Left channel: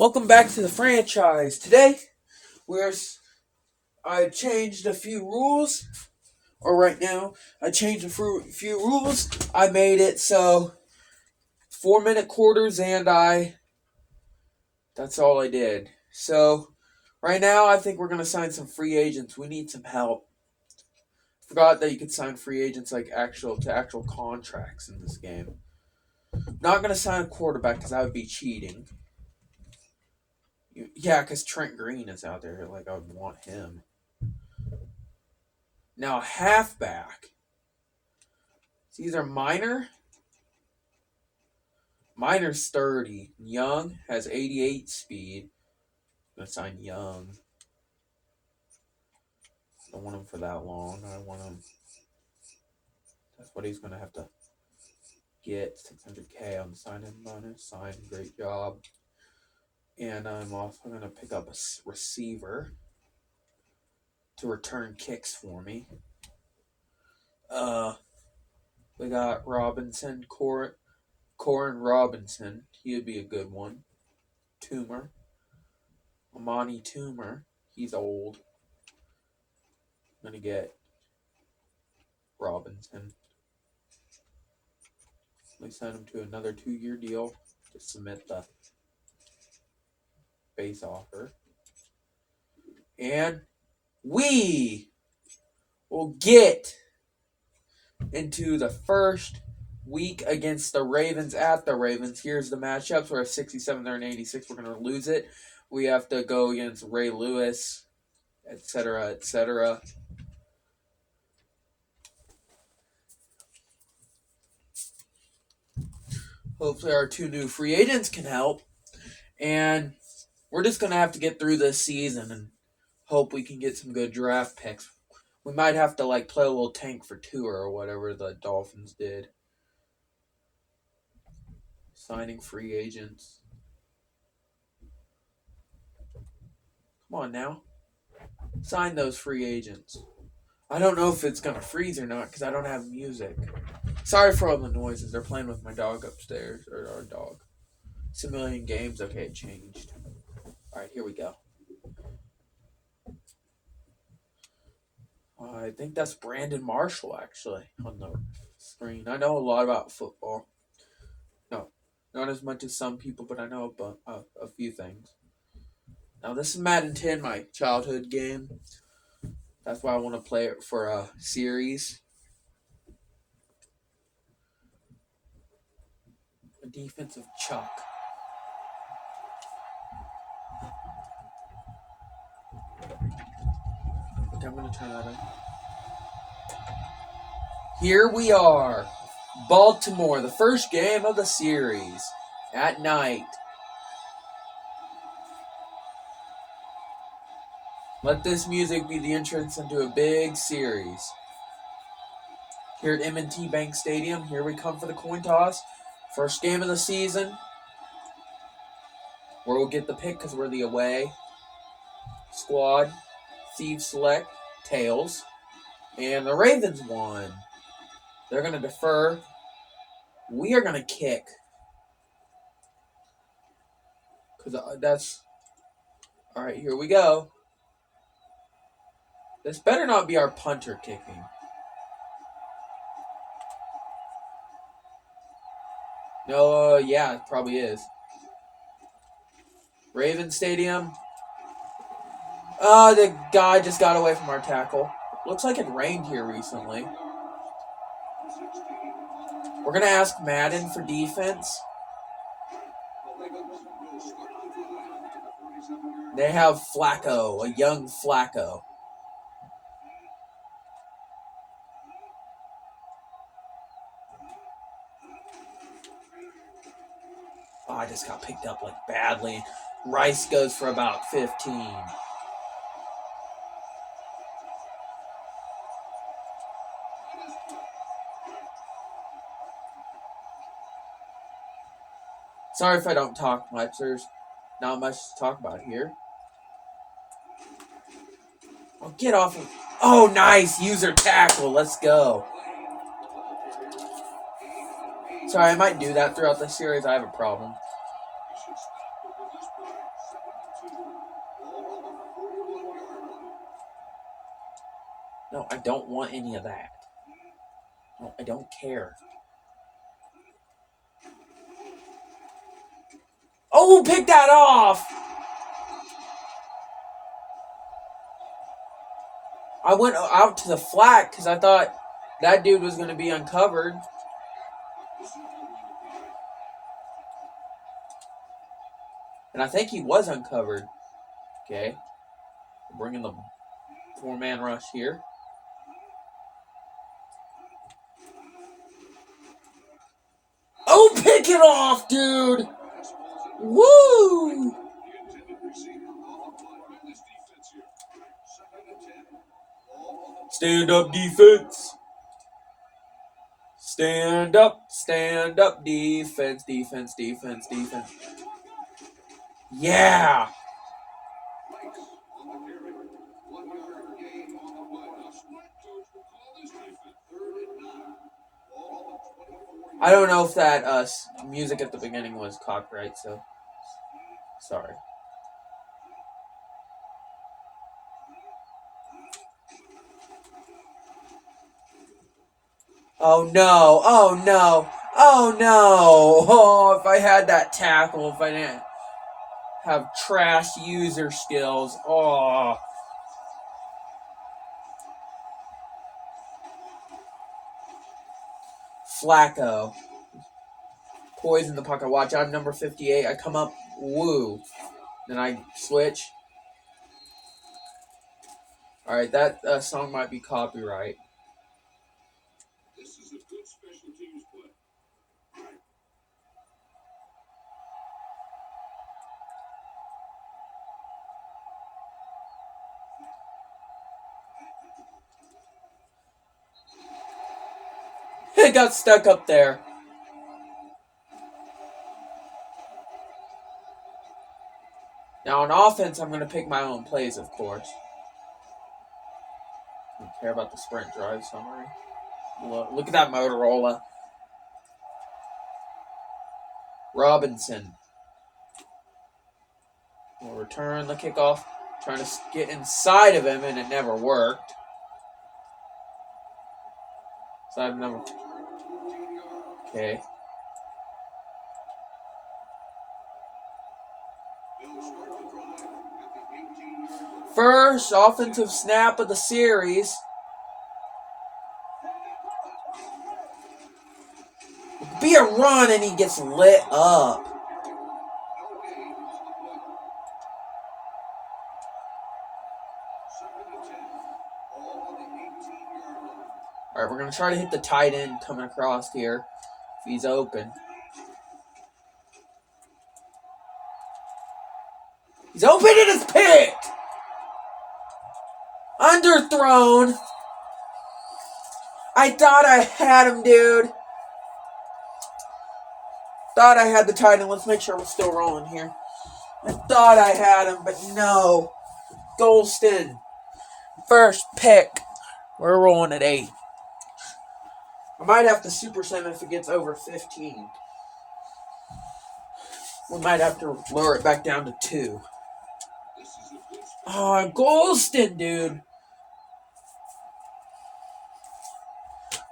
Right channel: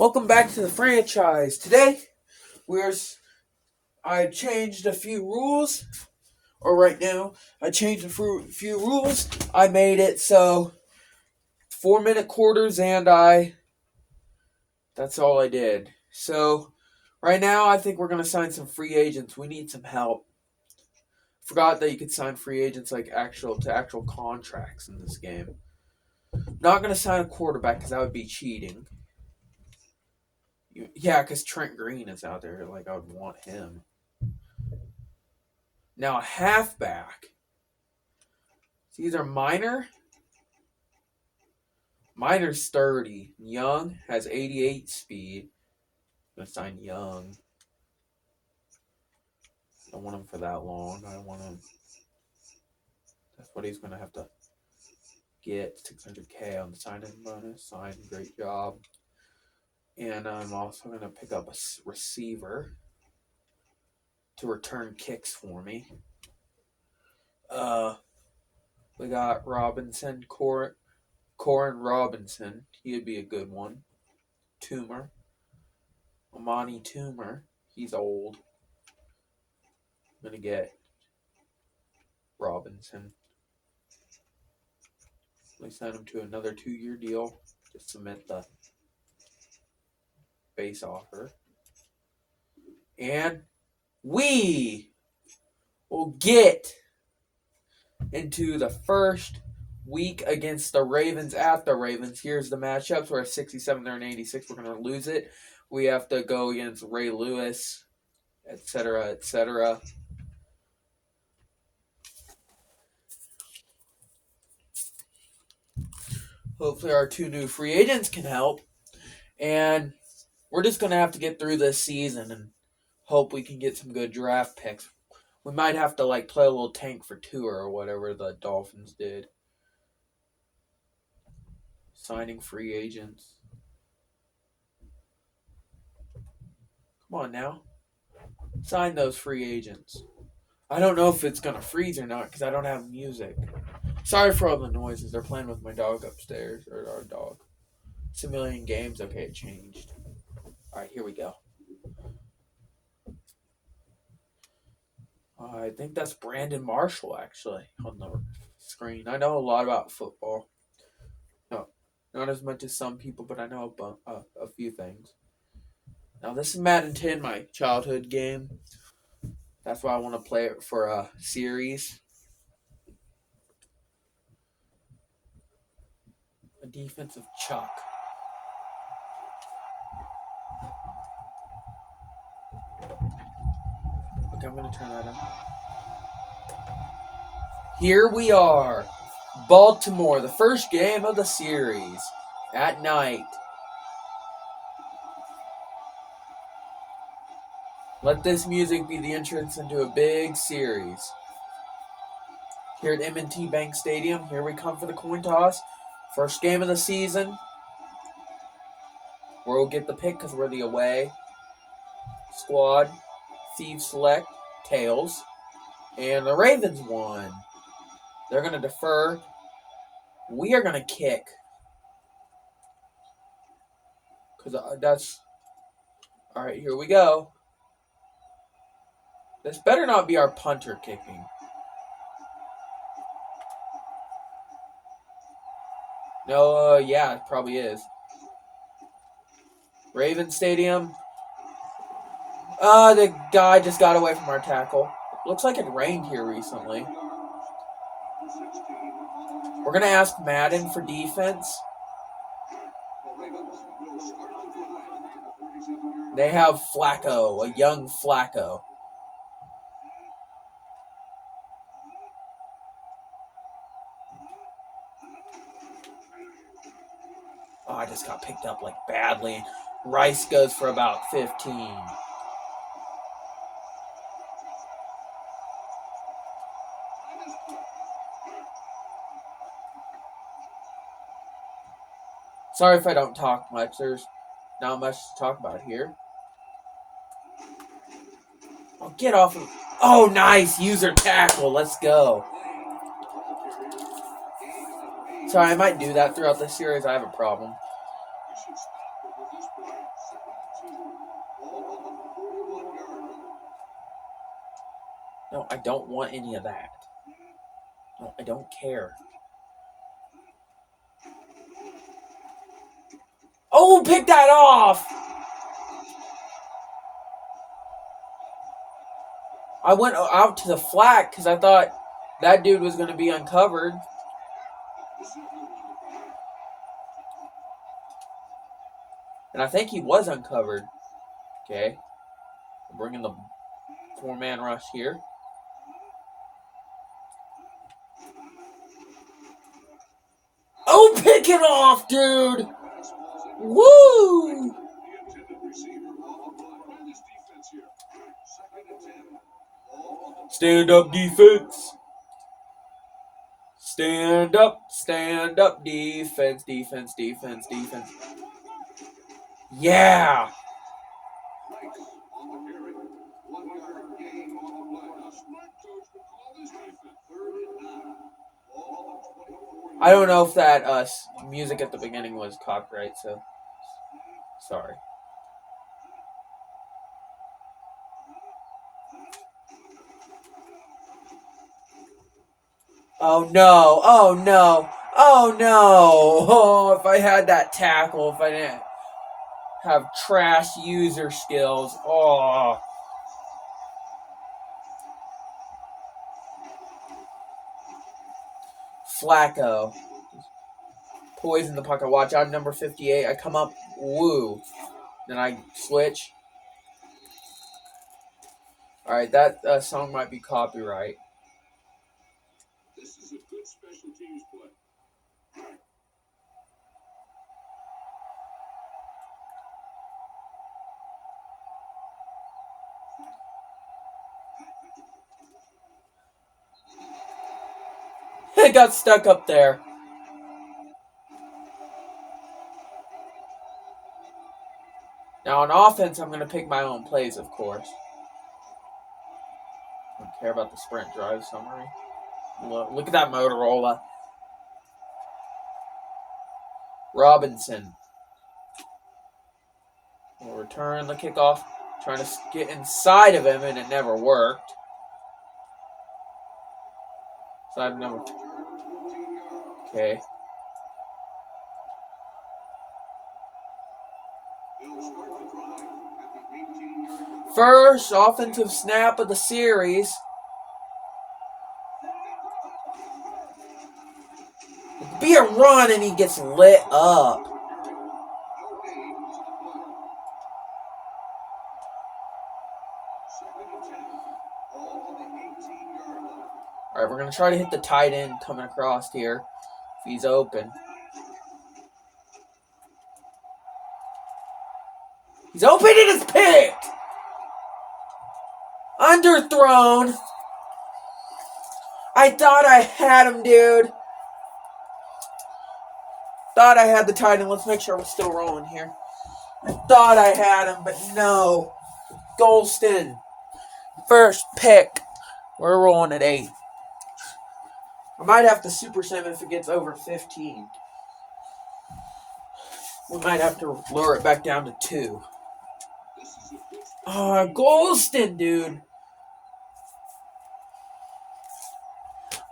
Welcome back to the franchise. Today, I changed a few rules, or right now, I changed a few rules. I made it so 4-minute quarters, and that's all I did. So, right now, I think we're going to sign some free agents. We need some help. Forgot that you could sign free agents like actual contracts in this game. Not going to sign a quarterback because that would be cheating. Yeah, because Trent Green is out there. Like, I would want him. Now, a halfback. It's either Minor. Minor's 30. Young has 88 speed. I'm going to sign Young. I don't want him for that long. I don't want him. That's what he's going to have to get. 600K on the sign-in bonus. Sign, great job. And I'm also going to pick up a receiver to return kicks for me. We got Robinson, Corin Robinson. He would be a good one. Toomer. Amani Toomer. He's old. I'm going to get Robinson. We sign him to another 2-year deal to submit the base offer. And we will get into the first week against the Ravens at the Ravens. Here's the matchups. We're at 67, they're in 86. We're going to lose it. We have to go against Ray Lewis, etc., etc. Hopefully our 2 new free agents can help. And we're just going to have to get through this season and hope we can get some good draft picks. We might have to play a little tank for Tua or whatever the Dolphins did. Signing free agents. Come on now. Sign those free agents. I don't know if it's going to freeze or not because I don't have music. Sorry for all the noises. They're playing with my dog upstairs. Or our dog. It's a million games. Okay, it changed. Alright, here we go. I think that's Brandon Marshall, actually, on the screen. I know a lot about football. No, not as much as some people, but I know a few things. Now, this is Madden 10, my childhood game. That's why I want to play it for a series. A defensive chuck. Okay, I'm going to turn that on. Here we are. Baltimore, the first game of the series. At night. Let this music be the entrance into a big series. Here at M&T Bank Stadium, here we come for the coin toss. First game of the season. We'll get the pick because we're the away squad. Thieves select tails. And the Ravens won. They're going to defer. We are going to kick. Because that's... Alright, here we go. This better not be our punter kicking. No, yeah, it probably is. Raven Stadium. The guy just got away from our tackle. Looks like it rained here recently. We're going to ask Madden for defense. They have Flacco, a young Flacco. Oh, I just got picked up badly. Rice goes for about 15. Sorry if I don't talk much. There's not much to talk about here. Oh, get off of... Oh, nice. User tackle. Let's go. Sorry, I might do that throughout the series. I have a problem. No, I don't want any of that. No, I don't care. Oh, pick that off! I went out to the flat because I thought that dude was going to be uncovered. And I think he was uncovered. Okay. I'm bringing the 4-man rush here. Oh, pick it off, dude! Woo! Stand up defense. Stand up defense, defense, defense, defense. Yeah! I don't know if that music at the beginning was copyright, so sorry. Oh no, oh no, oh no. Oh, if I had that tackle, if I didn't have trash user skills. Oh. Flacco. Poison the pocket. Watch out, number 58. I come up. Woo. Then I switch. Alright, that song might be copyright. This is a good special teams play. It got stuck up there. Now on offense, I'm going to pick my own plays, of course. I don't care about the sprint drive summary. Look at that Motorola. Robinson will return the kickoff. Trying to get inside of him, and it never worked. Side number. Okay. First offensive snap of the series. Be a run and he gets lit up. Alright, we're going to try to hit the tight end coming across here. If he's open. He's open and it's picked! Underthrown. I thought I had him, dude. Thought I had the tight end. Let's make sure we're still rolling here. I thought I had him, but no. Golston. First pick. We're rolling at 8. I might have to super sim if it gets over 15. We might have to lower it back down to 2. Golston, dude.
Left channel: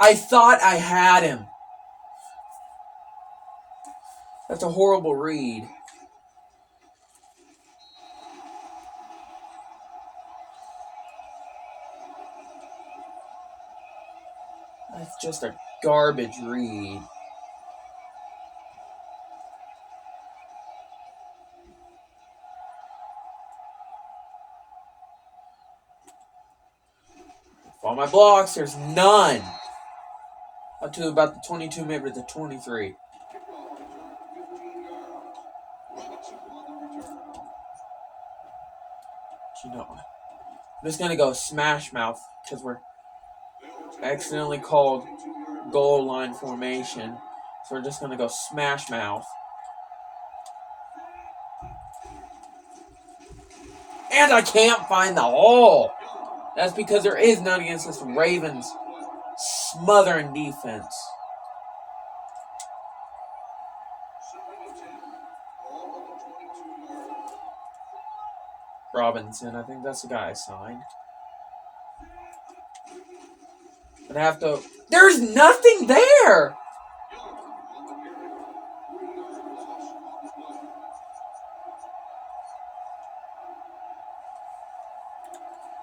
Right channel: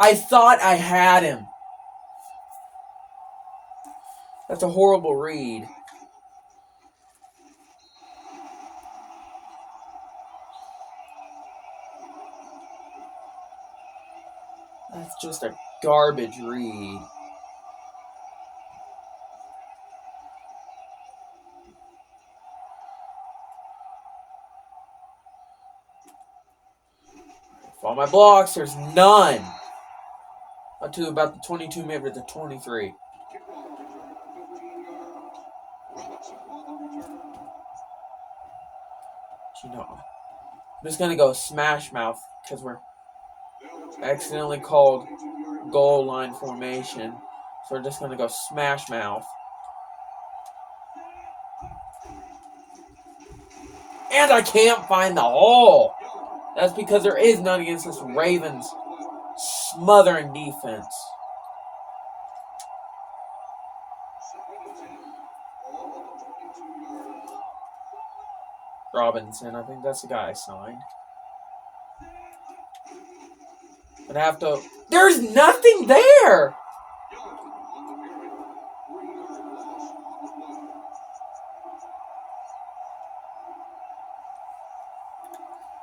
I thought I had him. That's a horrible read. That's just a garbage read. For all my blocks, there's none. Up to about the 22, maybe the 23. You know, I'm just going to go smash mouth because we're accidentally called goal line formation. So we're just going to go smash mouth. And I can't find the hole. That's because there is none against this Ravens smothering defense. Robinson. I think that's the guy I signed. But I have to... There's nothing there!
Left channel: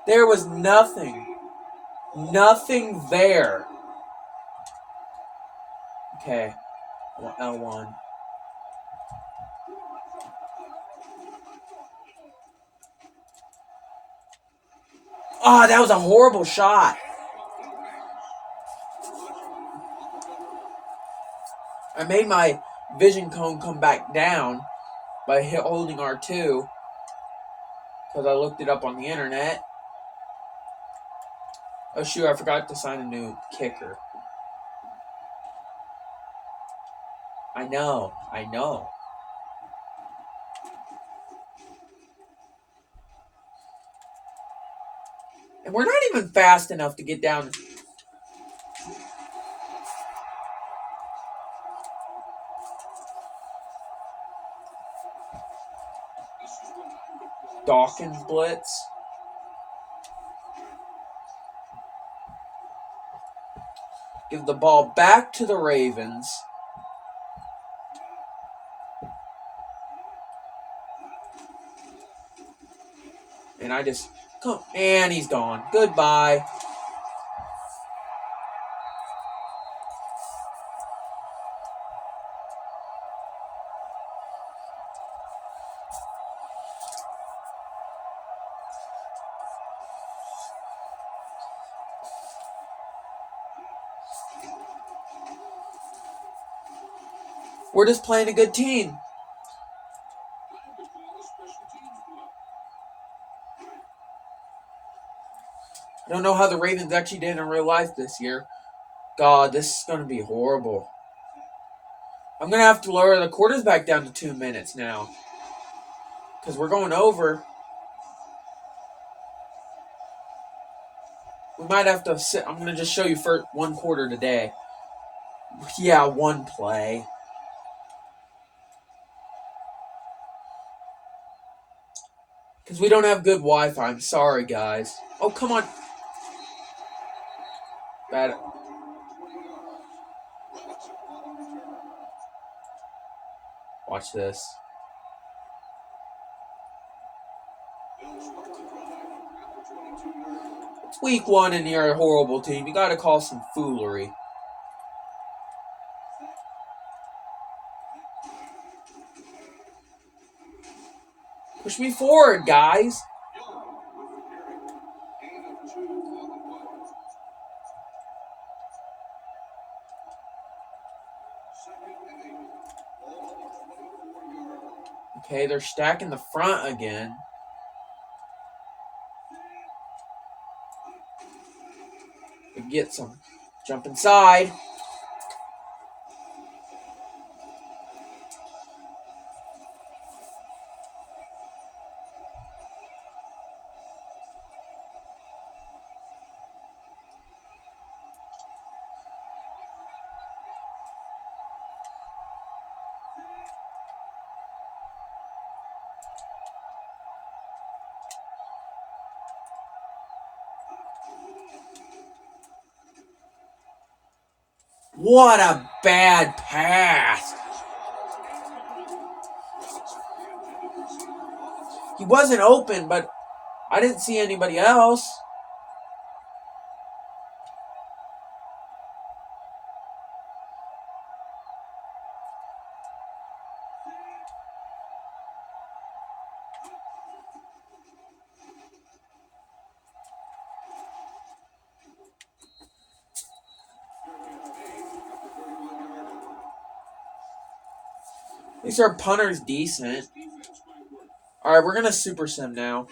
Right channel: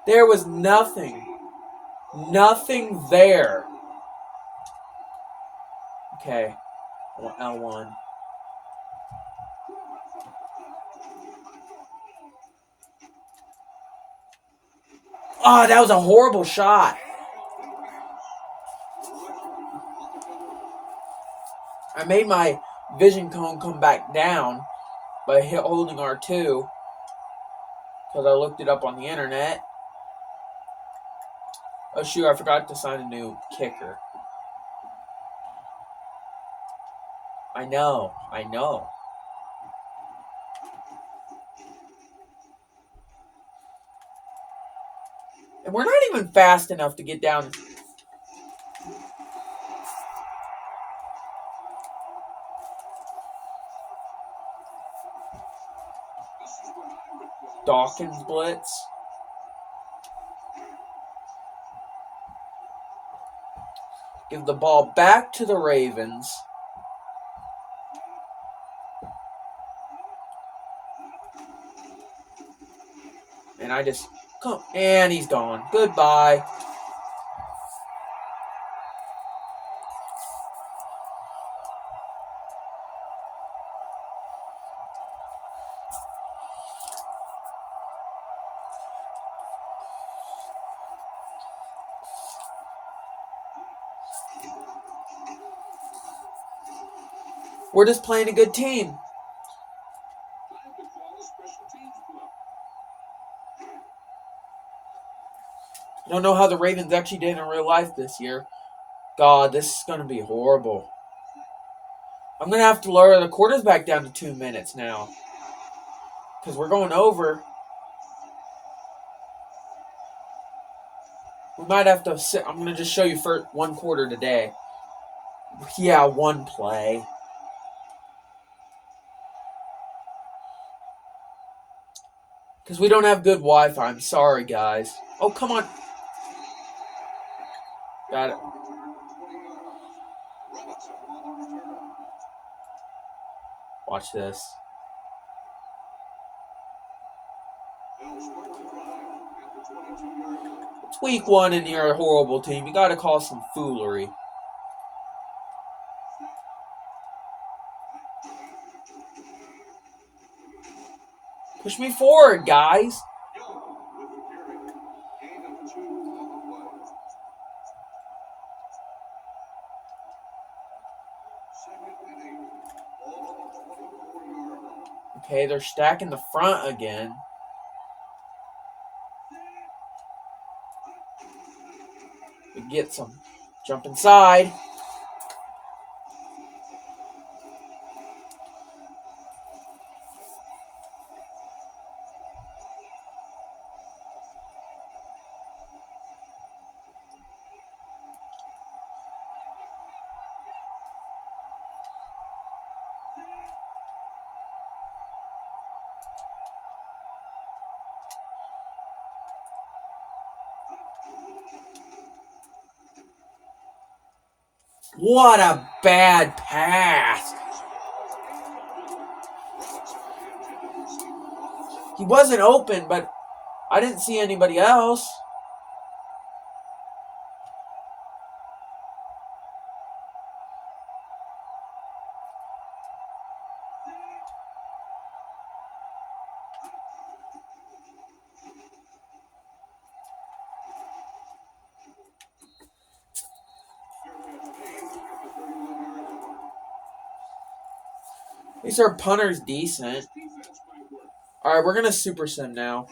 There was nothing. Nothing there. Okay. L1. Oh, that was a horrible shot. I made my vision cone come back down by holding R2 because I looked it up on the internet. Oh shoot, I forgot to sign a new kicker. I know. And we're not even fast enough to get down. Dawkins blitz. Give the ball back to the Ravens. And I just come, and he's gone. Goodbye. We're just playing a good team. I don't know how the Ravens actually did in real life this year. God, this is going to be horrible. I'm going to have to lower the quarters back down to 2 minutes now. Because we're going over. We might have to sit. I'm going to just show you for 1 quarter today. Yeah, 1 play. Because we don't have good Wi-Fi. I'm sorry, guys. Oh, come on. Got it. Watch this. It's week 1 and you're a horrible team. You got to call some foolery. Push me forward, guys. Okay, they're stacking the front again. We get some. Jump inside. What a bad pass. He wasn't open, but I didn't see anybody else. At least our punter's decent. Alright, we're going to super sim now.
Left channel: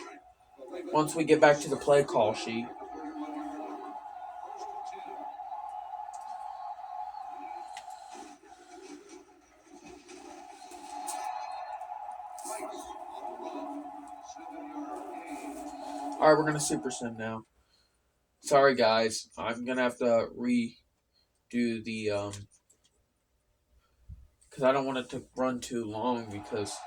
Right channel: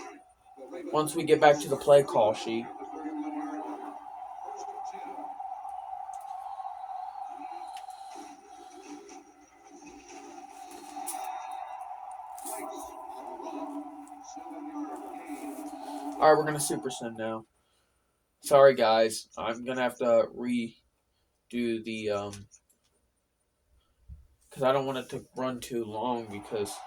Once we get back to the play call sheet. Alright, we're going to super sim now. Sorry, guys. I'm going to have to redo the... because I don't want it to run too long because...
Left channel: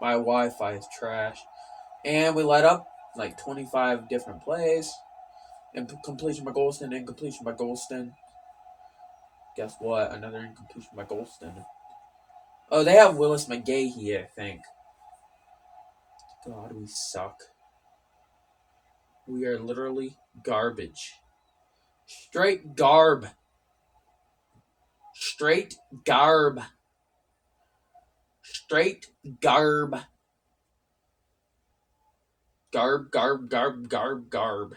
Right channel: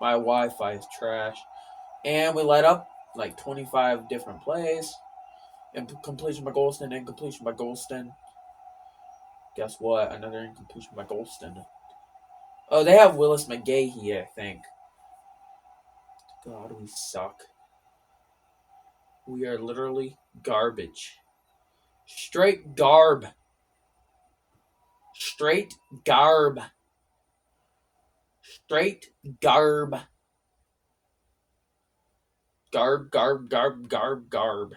My Wi-Fi is trash. And we let up like 25 different plays. And completion by Golston, incompletion by Golston. Guess what? Another incompletion by Golston. Oh, they have Willis McGahee, I think. God, we suck. We are literally garbage. Straight garb. Straight garb. Straight garb. Garb, garb, garb, garb, garb.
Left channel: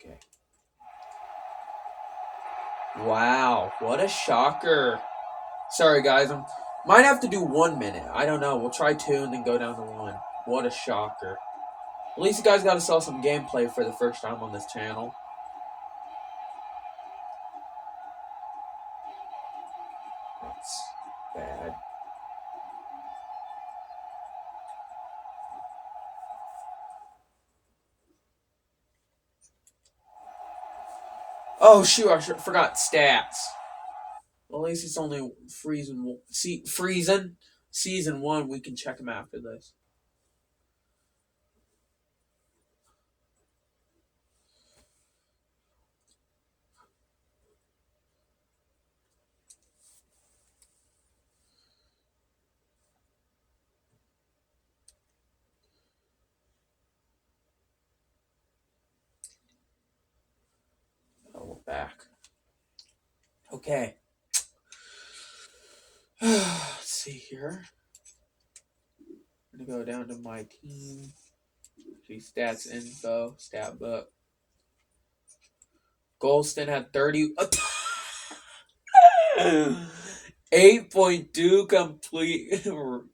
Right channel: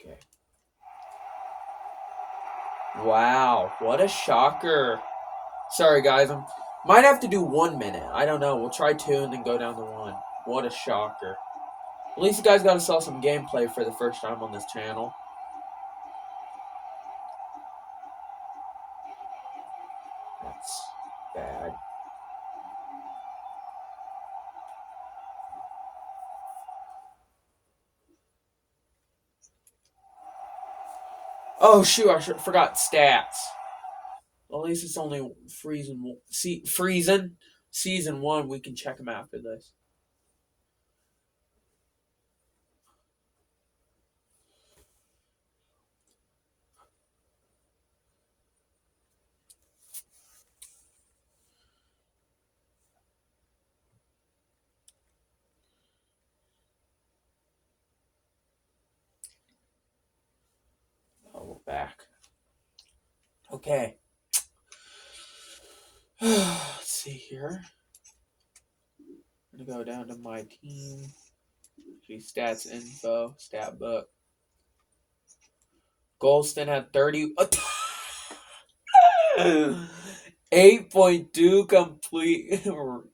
Okay. Wow, what a shocker. Sorry, guys. I might have to do 1 minute. I don't know. We'll try 2 and then go down to 1. What a shocker. At least you guys got to sell some gameplay for the first time on this channel. That's bad. Oh, shoot. I forgot stats. Well, at least it's only Season 1. We can check them after this. Oh, we're back. Okay. Let's see here. I'm going to go down to my team. Stats info, stat book. Golston had 30. 8.2 complete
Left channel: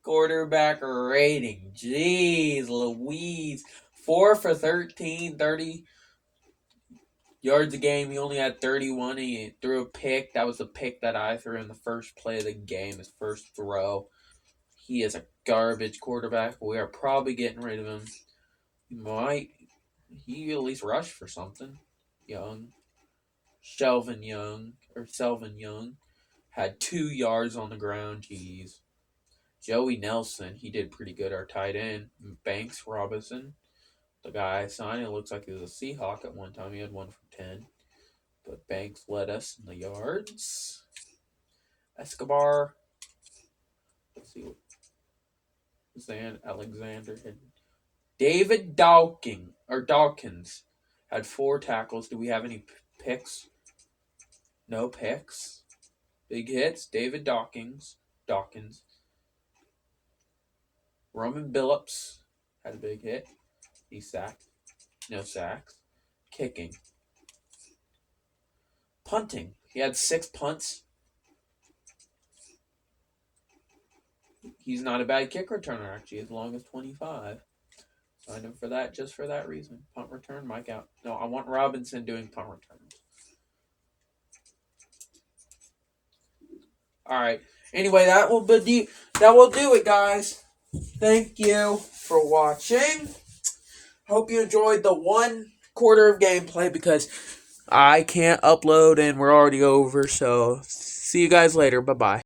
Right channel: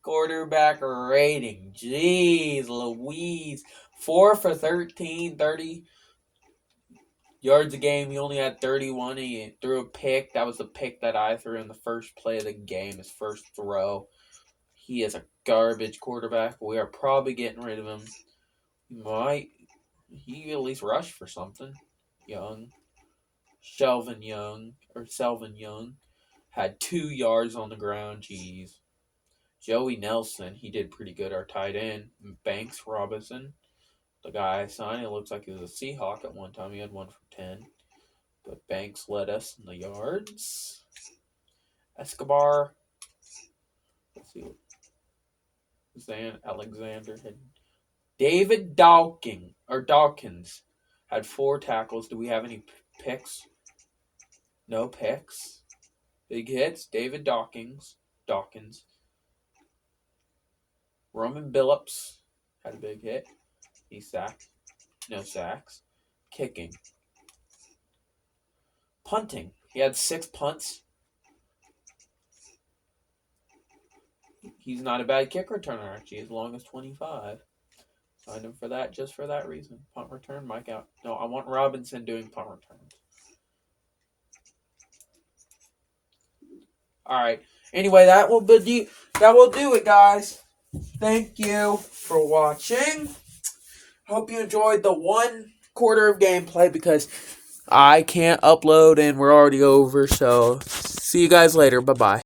quarterback rating. Jeez Louise. 4 for 13, 30 yards a game. He only had 31. He threw a pick. That was the pick that I threw in the first play of the game, his first throw. He is a garbage quarterback. We are probably getting rid of him. He at least rushed for something. Selvin Young had 2 yards on the ground. Jeez. Joey Nelson, he did pretty good. Our tight end. Banks Robinson, the guy I signed, it looks like he was a Seahawk at one time. He had 1 for 10. But Banks led us in the yards. Escobar. Let's see. Alexander had David Dawkins had 4 tackles. Do we have any picks? No picks. Big hits. David Dawkins. Roman Billups had a big hit. He sacked. No sacks. Kicking. Punting. He had 6 punts. He's not a bad kick returner, actually, as long as 25. Signed him for that, just for that reason. Punt return, Mike out. No, I want Robinson doing punt returns. Alright. Anyway, that will do it, guys. Thank you for watching. Hope you enjoyed the 1 quarter of gameplay because I can't upload and we're already over. So, see you guys later. Bye-bye.